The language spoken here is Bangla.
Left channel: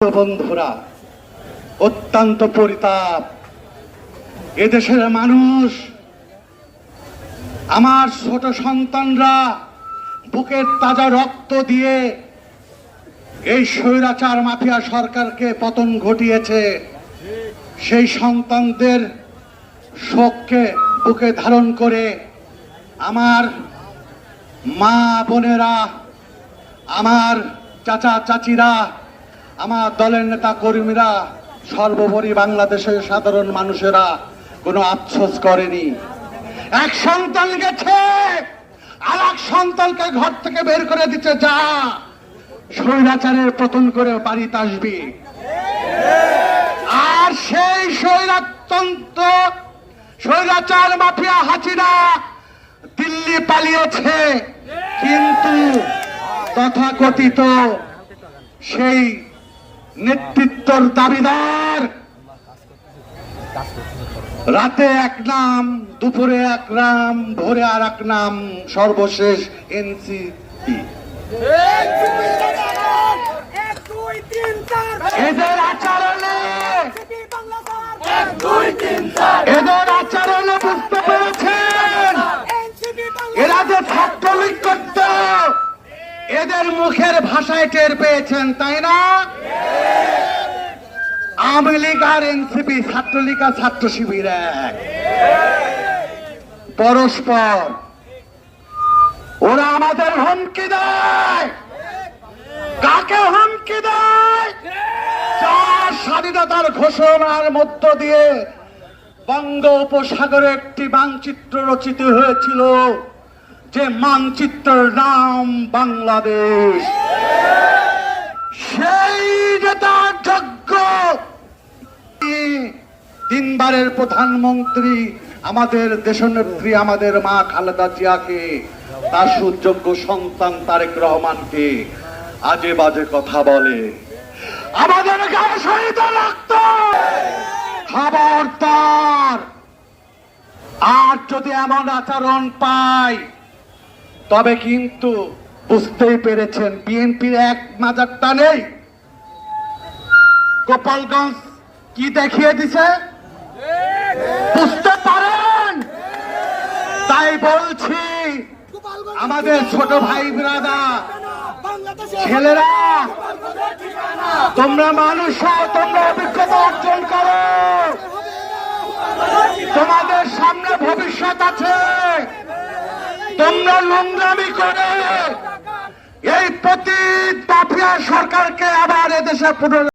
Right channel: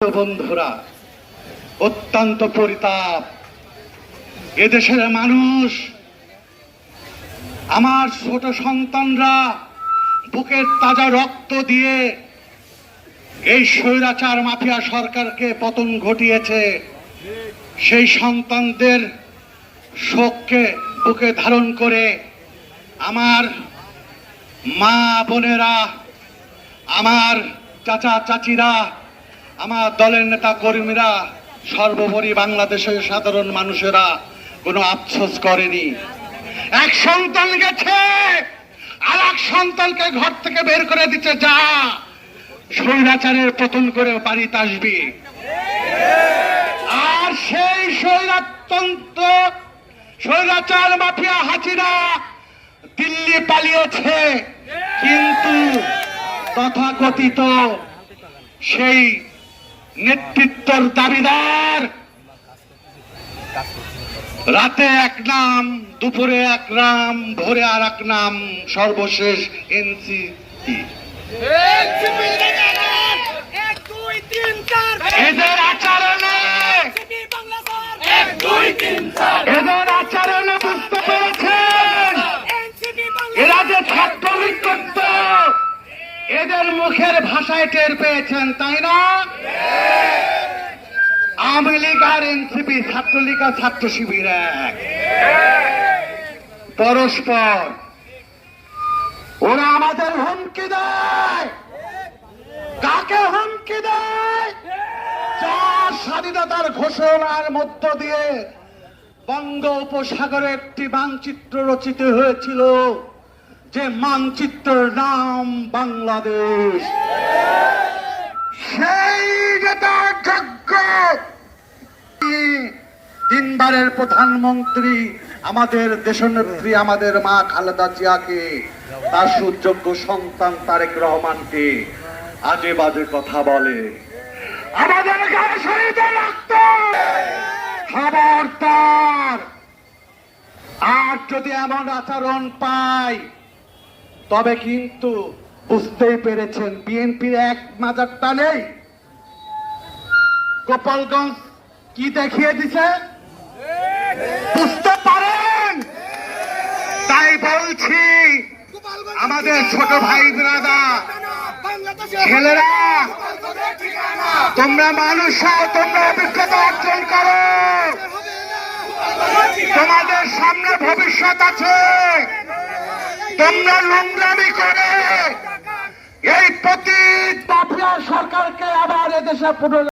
বন্ধুরা, অত্যন্ত পরিতাপ। এদেশের মানুষ, আমার ছোট সন্তানরা বুকের তাজা রক্ত দিয়ে এই স্বৈরাচার মাফিয়া সরকারকে পতন ঘটিয়েছে। সেই সন্তানদের শোককে বুকে ধারণ করে আমার মা বোনেরা, আমার চাচা চাচিরা, আমার দলের নেতা কর্মীরা, সর্বোপরি বাংলাদেশের সাধারণ মানুষেরা কোনো আফসোস করেনি। এক সন্তান গেছে, আর এক সন্তানকে ঘর থেকে বের করে দিচ্ছে, যা স্বৈরাচারের পতন করে বাড়িতে আসবি। আর সেই স্বৈরাচার মাফিয়া হাসিনা দিল্লি পালিয়েছে, কিন্তু তথাকথিত সেই নেতৃত্বর দাবিদার রাতে এক নাম, দুপুরে এক নাম, ভোরে আর এক নাম, সর্বশেষ এনসিপি। এদের আচরণে বুঝতে পেরেছেন এরা যে ছাত্রলীগ করত, এদের মুখের ভাষায় টের পেয়েছেন, তাই না? আওয়ামী লীগ আর এনসিপি, ছাত্রলীগ আর ছাত্র শিবির এক, পরস্পর। ওরা আমাদের হুমকি দেয়। কাকে হুমকি দেয়? যার স্বাধীনতার ঘোষণার মধ্য দিয়ে বঙ্গোপসাগরে একটি মানচিত্র রচিত হয়েছিল, যে মানচিত্রের নাম বাংলাদেশ। সেই নেতার যোগ্য তিনবারের প্রধানমন্ত্রী আমাদের দেশনেত্রী, আমাদের মা খালেদা জিয়াকে, তার সুযোগ্য সন্তান তারেক রহমানকে আজে বাজে কথা বলে, আমাদের গায়ে শহীদের রক্ত। খবরদার! আর যদি এমন আচরণ পাই, তবে কিন্তু বুঝতেই পেরেছেন বিএনপি এক মাজারটা নেই। গোপালগঞ্জ কি দেখিয়ে দিছে বুঝতে পারেন। তাই বলছি, আমাদের ছোট ভাই ব্রাদার, ছেলেরা, তোমরা মানুষ, তোমরা অভিজ্ঞতা অর্জন করো, তোমাদের সামনে ভবিষ্যৎ আছে। তোমরা নোংরামি করে এই পতিত মাফিয়া সরকারকে আবার এদেশে পুনরায়